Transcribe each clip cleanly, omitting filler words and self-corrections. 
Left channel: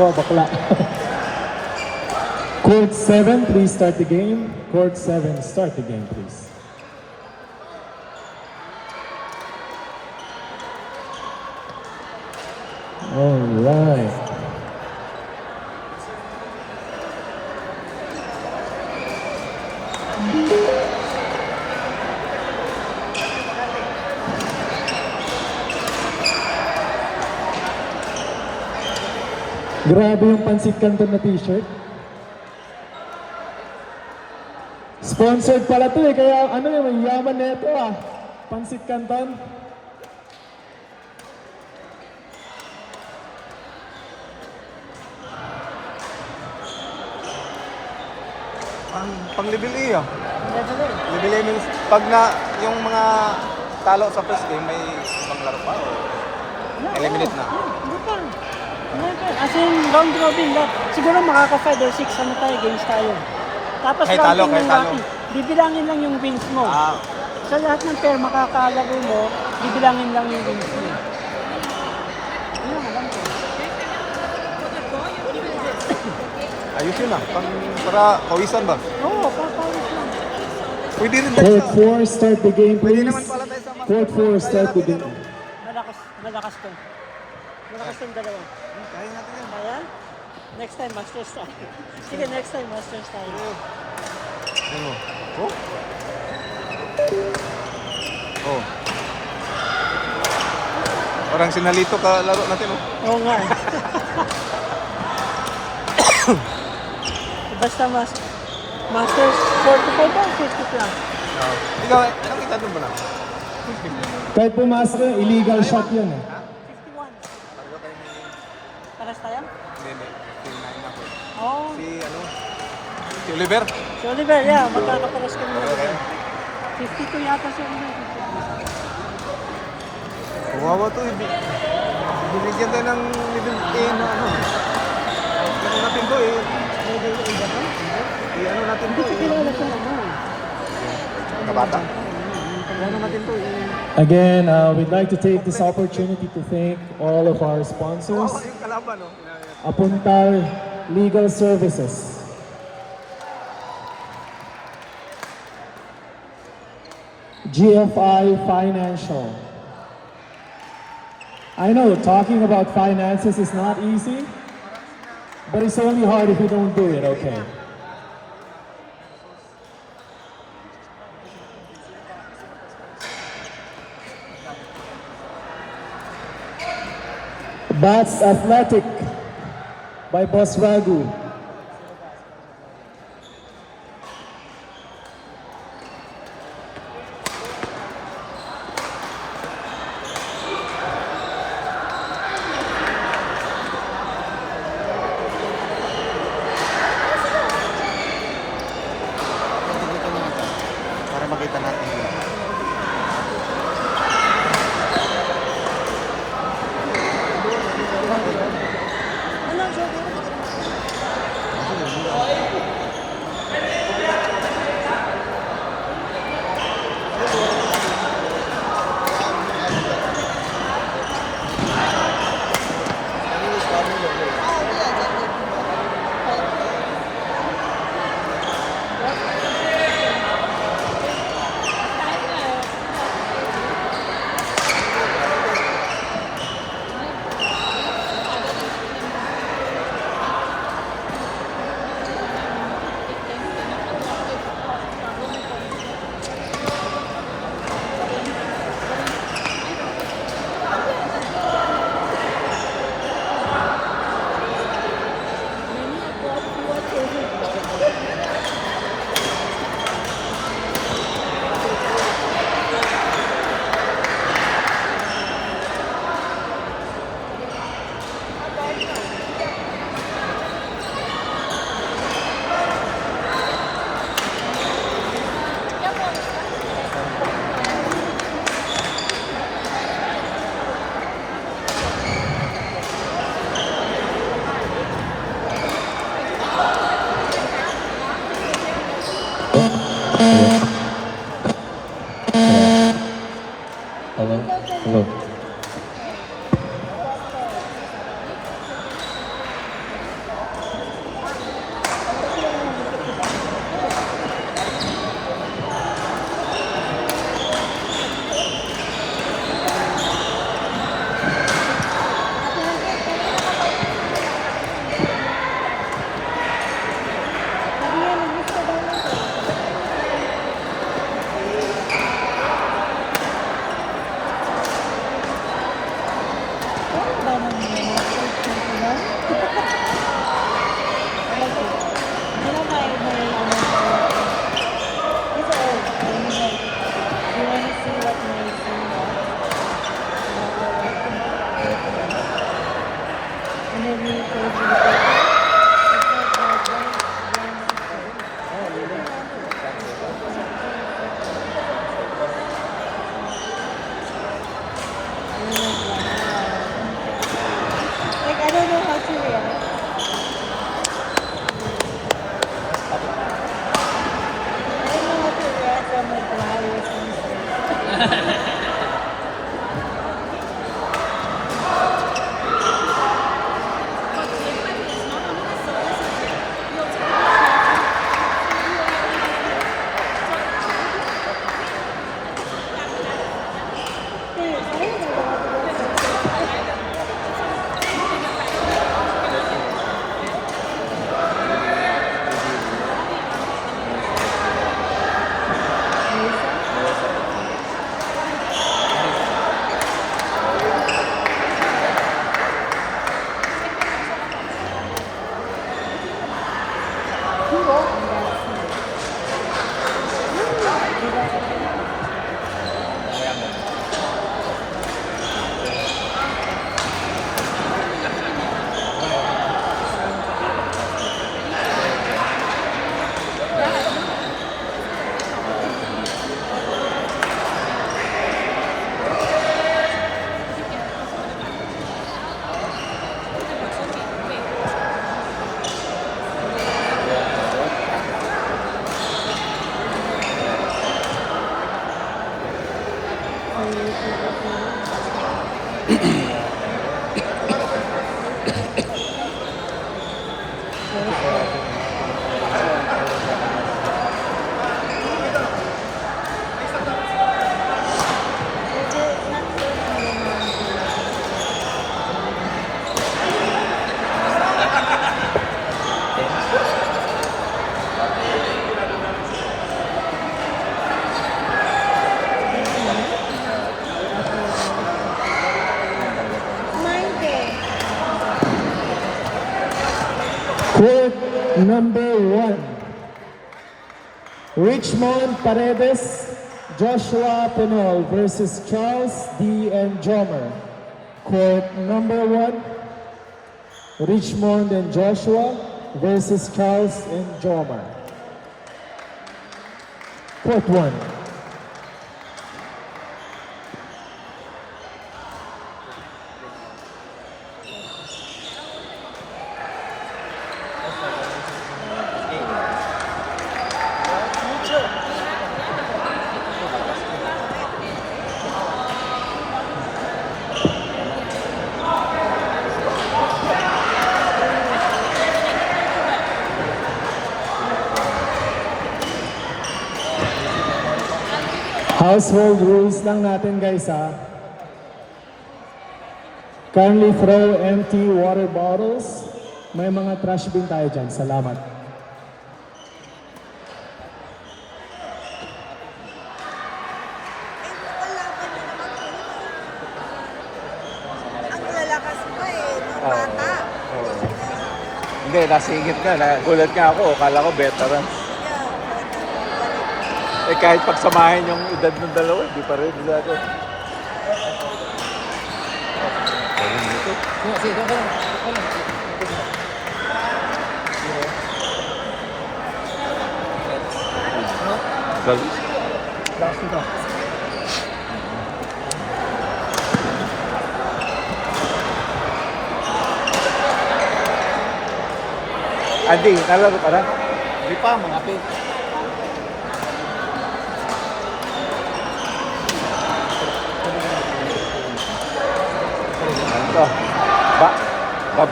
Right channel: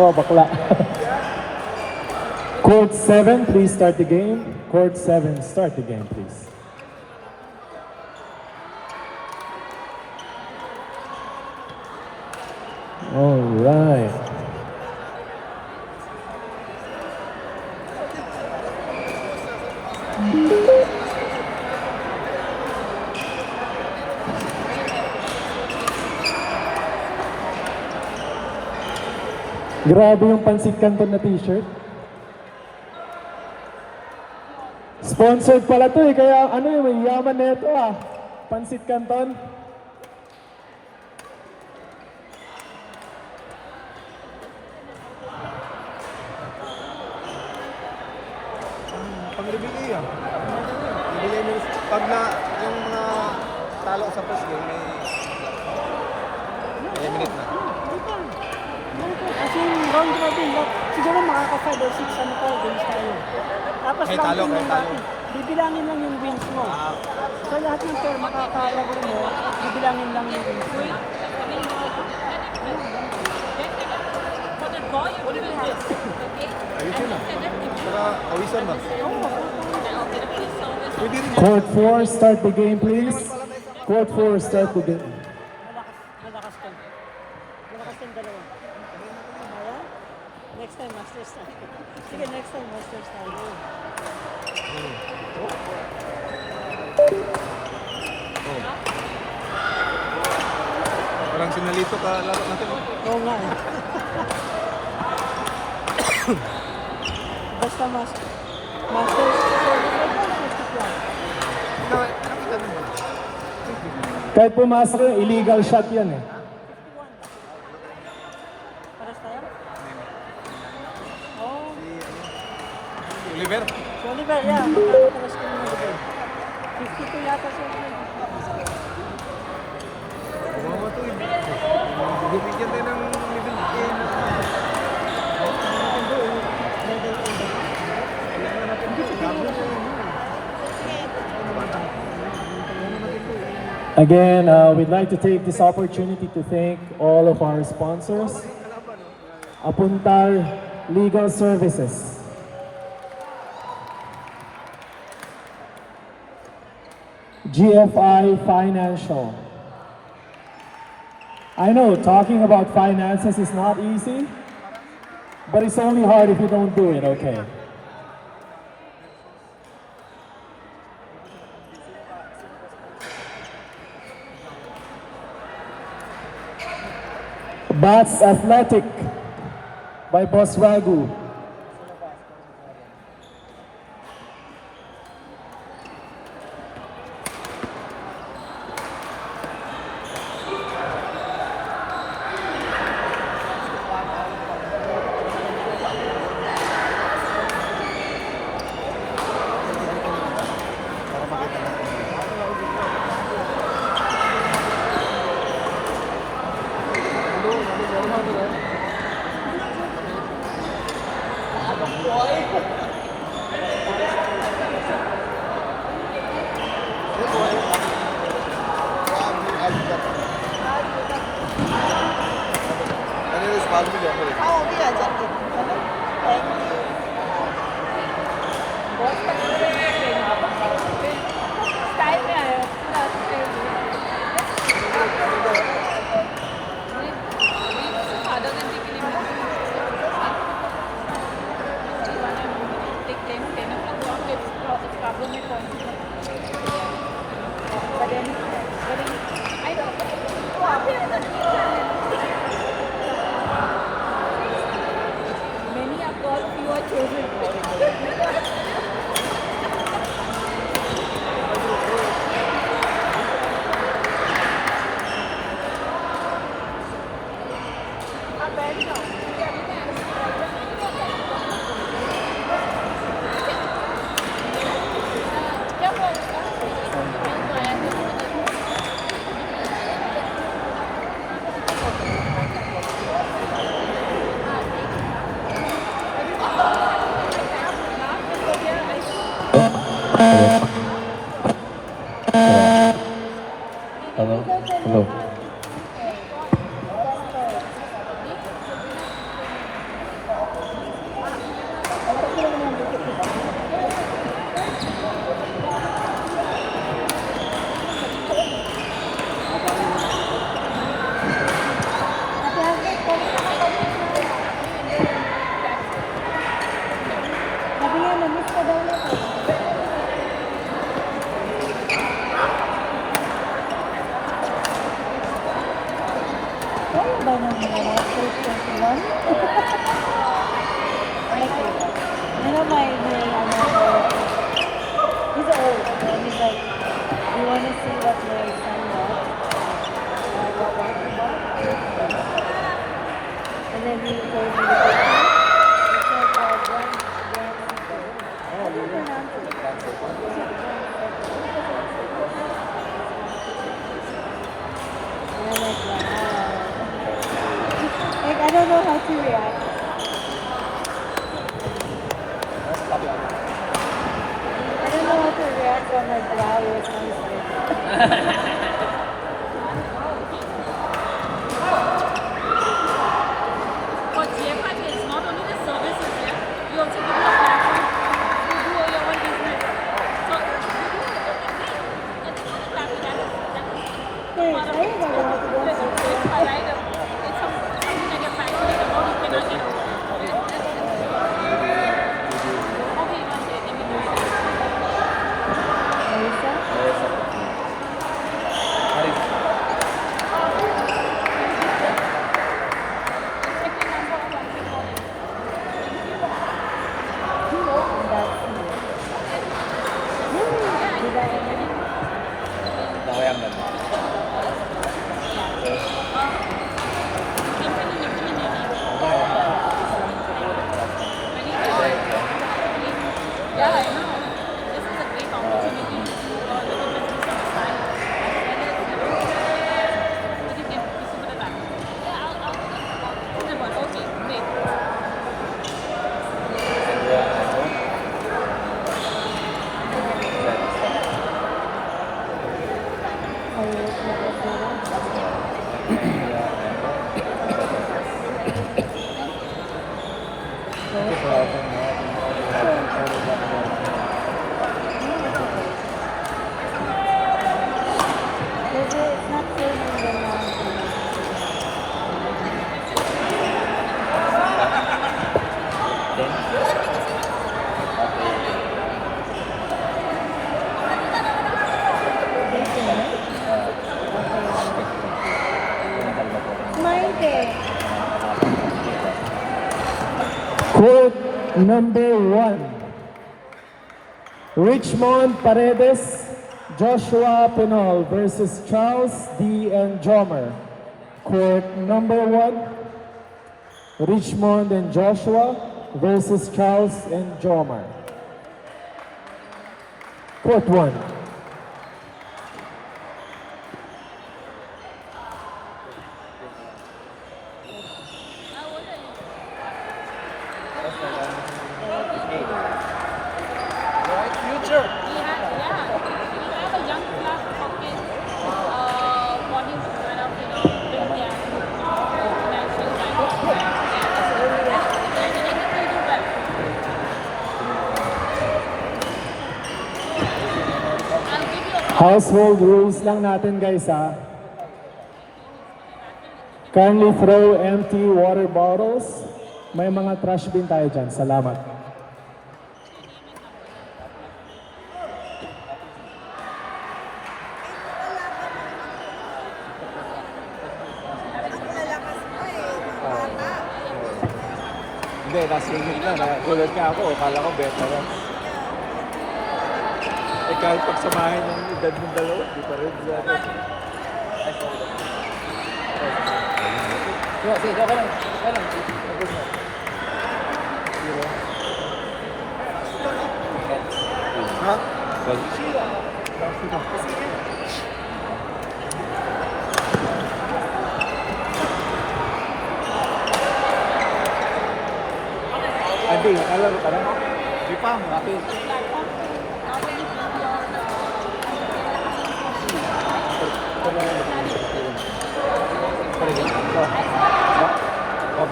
Oh, bakla. Court 7, please start the game. Court 7, start the game, please. All right. Grabe yung Pansit Canton na t-shirt. Sponsored pala to eh, kaya ano yung yaman na ito ah. Pansit Canton. Pang-level E ah. Level E means pag na yung mga talo sa first game may maglaro pa. Eliminate na. Kasi yung round robin, siguro makaka-5 or 6 ano tayo, games tayo. Tapos Kahit talo, round kahit talo. bibilangin lang yung wins mo. Sa lahat ng pair makakalaro mo, bibilangin lang yung wins mo. Ayos yun ah. Para kawisan ba? Oo, Pwede rin Court 4, start the game, please. Court 4, start the game. malakas ka. Malakas yung dalawa. Kaya natin yan. Kaya? Next time, Masters time. Sige, next time, Masters time. Oh? Oh. Parang sinalito ka laro natin oh. Oo nga. Basta Masters 45 ba? 50 plus. Ikaw, nakita doon ba na? Kahit pumasok, illegal shot yan eh. 51. Paras tayo? Oo. Si ano? Si Oliver? Si Oliver, yeah. Magkakaparas ka naman. 52 yata si Oliver. Wawa to. Bibigyan tayo ng level 10 na ano. Ano natin to eh. Ano natin to eh. Kabata. Ano natin to eh. Again, we'd like to take this opportunity to thank all of our sponsors. Kalaban no? Apuntar Legal Services. GFI Financial. I know talking about finances is not easy, but it's only hard if you don't do it, okay? Bats Athletic by Boss Ragu. Like, I don't know how to react. I don't know how to react when like flowers comes in. Quote number 1. Richmond Paredes, Joshua Pinol versus Charles D. and Jomer. Quote number 1. Richmond and Joshua versus Charles and Jomer. Quote 1. Household rules lang natin guys ha. Kindly throw empty water bottles. May mga trash bin tayo dyan. Salamat. Lalakas mo eh, bata. Hindi, nasingit na. Gulat nga ako. Akala ko veteran. Eh kahit pagsamahin yung edad ng dalawa, di pa rin. Andi, nalaro ka na? Di pa, mga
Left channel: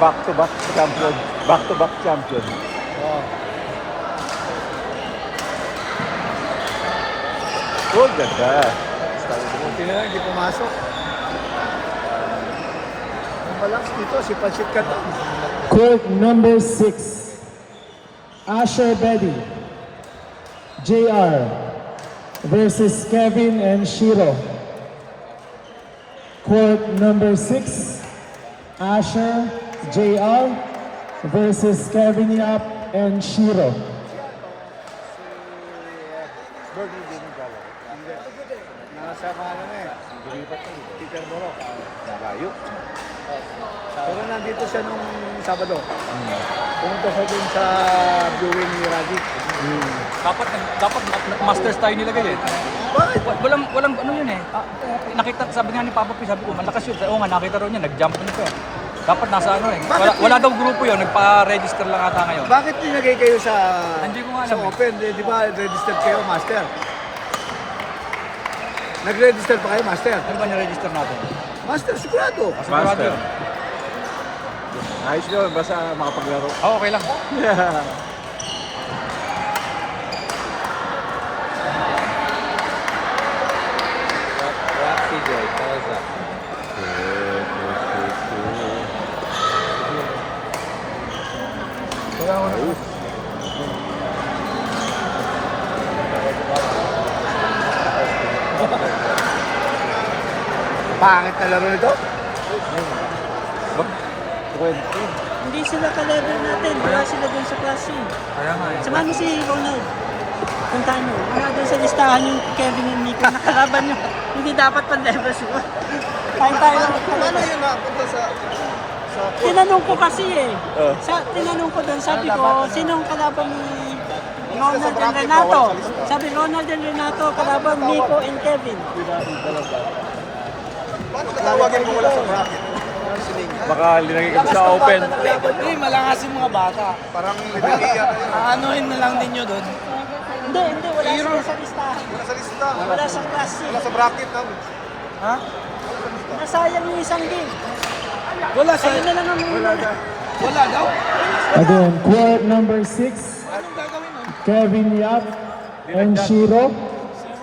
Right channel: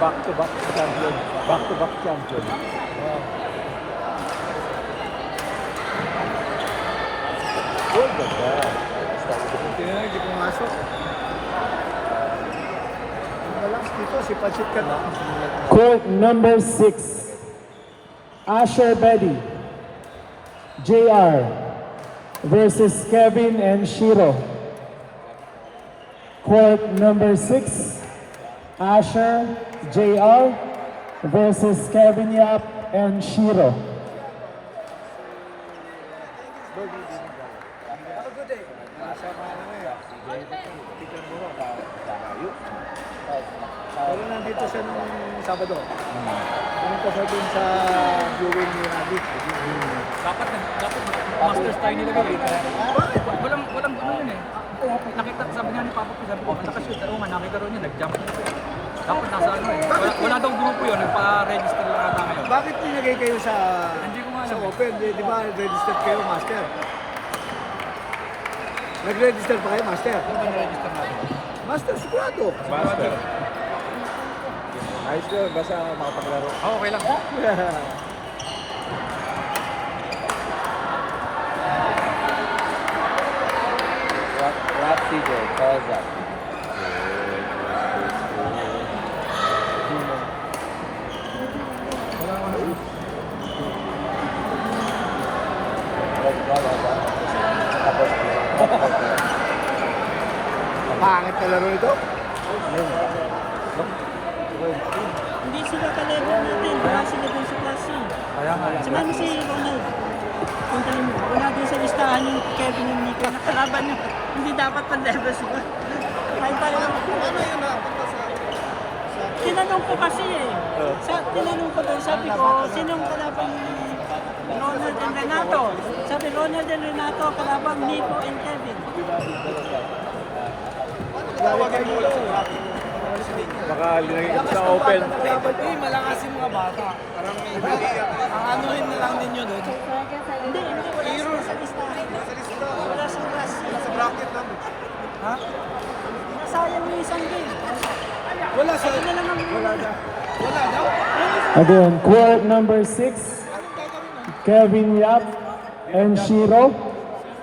back-to-back champion. Back-to-back champion. Oh, ganda. Buti na lang, hindi pumasok. Malakas dito, si Pachit ka. Quote number 6. Asher Betty, JR versus Kevin and Shiro. Quote number 6. Asher JR versus Kevin Yap and Shiro. Pero nandito siya nung Sabado. Pumunta siya dun sa viewing ni Radic. Dapat masters tayo nilagay eh. Walang ano yun eh. Nakita, sabi nga ni Papa P, sabi ko, malakas yun. Oo nga, nakita rin yun, nag-jump na ito. Dapat nasa ano eh. Wala daw grupo yun, nagpa-register lang ata ngayon. Bakit nilagay kayo sa Hindi ko nga alam eh. open? Di ba registered kayo, Master? Nag-register pa kayo, Master? Ano ba niregister natin? Master, sigurado. Sigurado yun. Ayos yun, basta makapaglaro. Oo, okay lang. Pangit na laro nito. Hindi sila ka-level natin. Wala sila dun sa klase. Kaya nga eh. Samahan mo si Ronald. Puntahan nyo. Wala dun sa listahan yung Kevin and Nico. Nakalaban nyo. Hindi dapat pan-level sila. Kahit tayo lang. Paano yun napunta sa... Tinanong ko kasi eh. Tinanong ko doon, sabi ko, sinong kalaban ni Ronald and Renato? Sabi, Ronald and Renato, kalaban Nico and Kevin. Paano katawagin mo wala sa bracket? Baka linagay ko sa open. Dapat malakas yung mga bata. Parang level A yata yun. Anuhin na lang ninyo doon. Hindi. Wala sila sa listahan. Wala sa lista. Wala sa klase. Wala sa bracket lang. Nasayang yung isang game. Wala sa na lang ang wala daw. Again, court number 6, Kevin Yap and Shiro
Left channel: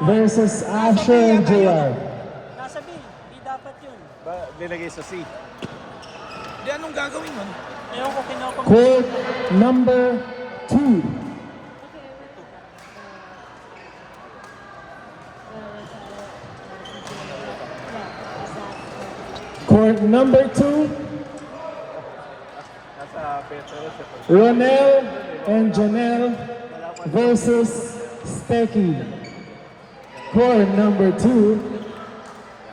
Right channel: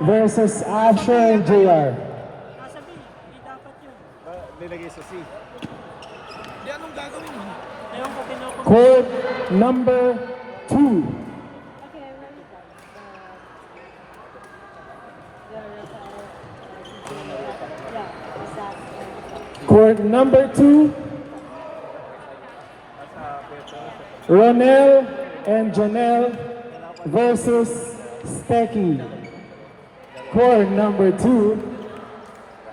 versus Asher and JR. Nasa B, di dapat yun. Linagay sa C. Di anong gagawin mo? Ewan ko pinapang... Court number 2, court number 2, Ronel and Janelle versus Stecky. Court number 2,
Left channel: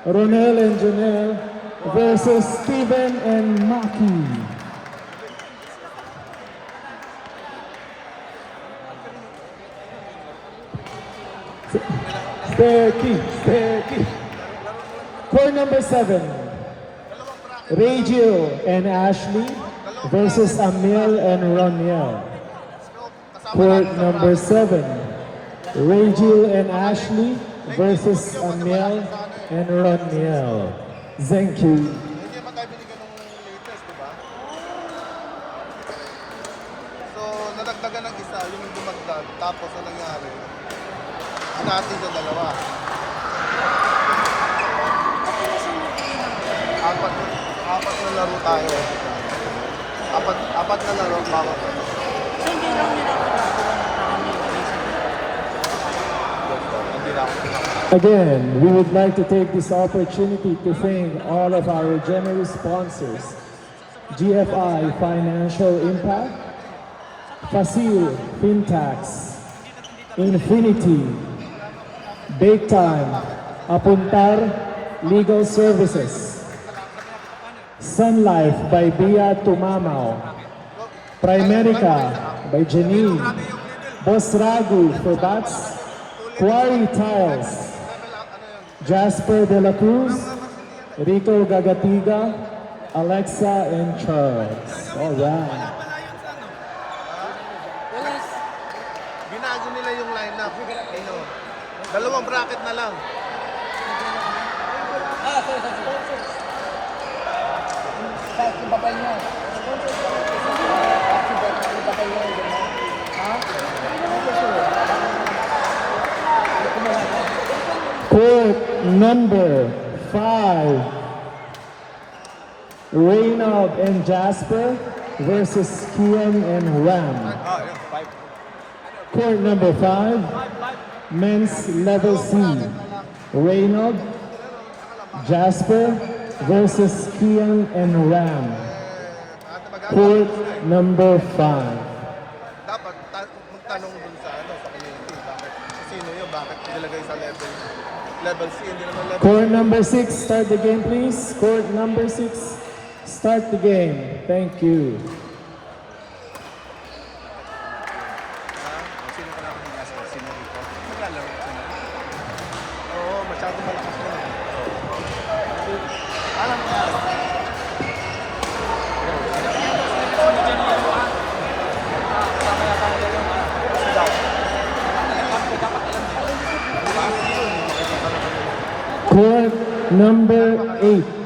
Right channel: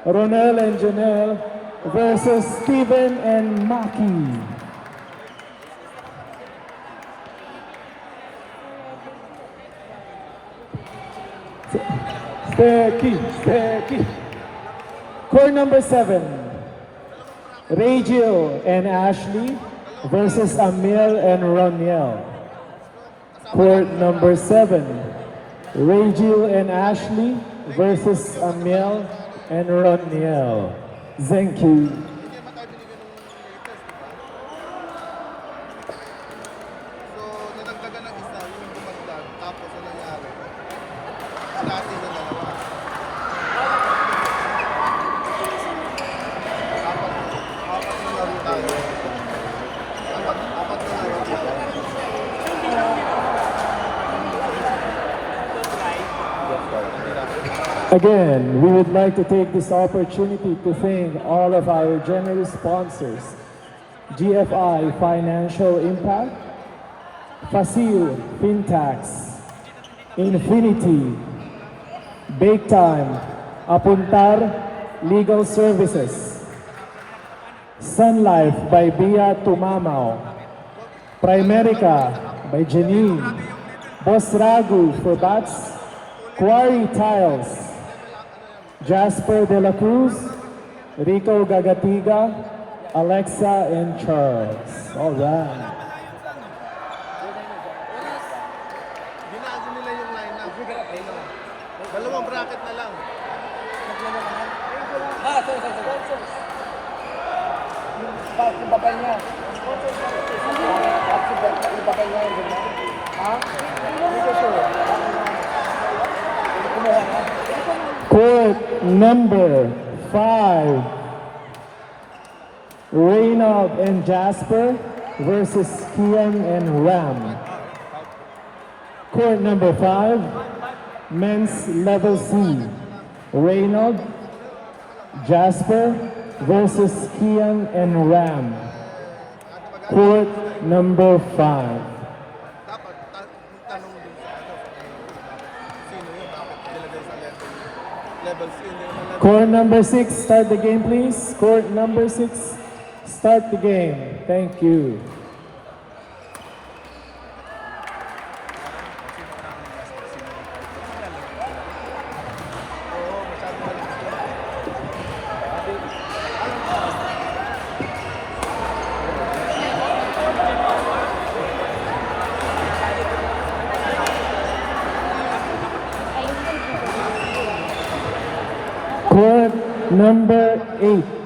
Ronel and Janelle versus Steven and Maki. Stecky. Court number 7, Rachel and Ashley versus Amil and Roniel. Court number 7, Rachel and Ashley versus Amil and Roniel. Thank you. Hindi pa tayo binigyan ng latest, di ba? So, nadagdagan ng isa, yun yung bumagdag. Tapos, ano nangyari? Natin yung dalawa. Apat na laro tayo. Apat na laro tayo. So hindi lang nila magagawa ng Again, we would like to take this opportunity to thank all of our generous sponsors, GFI Financial Impact, Facil Fintax, Infinity, Bake Time, Apuntar Legal Services, Sun Life by Bia Tumamao, Primerica by Janine, Boss Ragu for bats, Quarry Tiles, Jasper De La Cruz, Rico Gagatiga, Alexa and Charles. All right. Binago nila yung lineup. Ayun. Dalawang bracket na lang. Court number 5, Reynald and Jasper versus Kian and Ram. Court number 5, men's level C, Reynald, Jasper versus Kian and Ram. Court number 5. Dapat magtanong dun sa ano, sino yun, bakit nilagay sa level C, hindi naman level Court number 6, start the game please. Court number 6, start the game. Thank you. Sino ka namin nasa? Sino rin po? Ba't naglalaro sino rin? Oo, masyado malaki sila. Alam ko. Court number 8.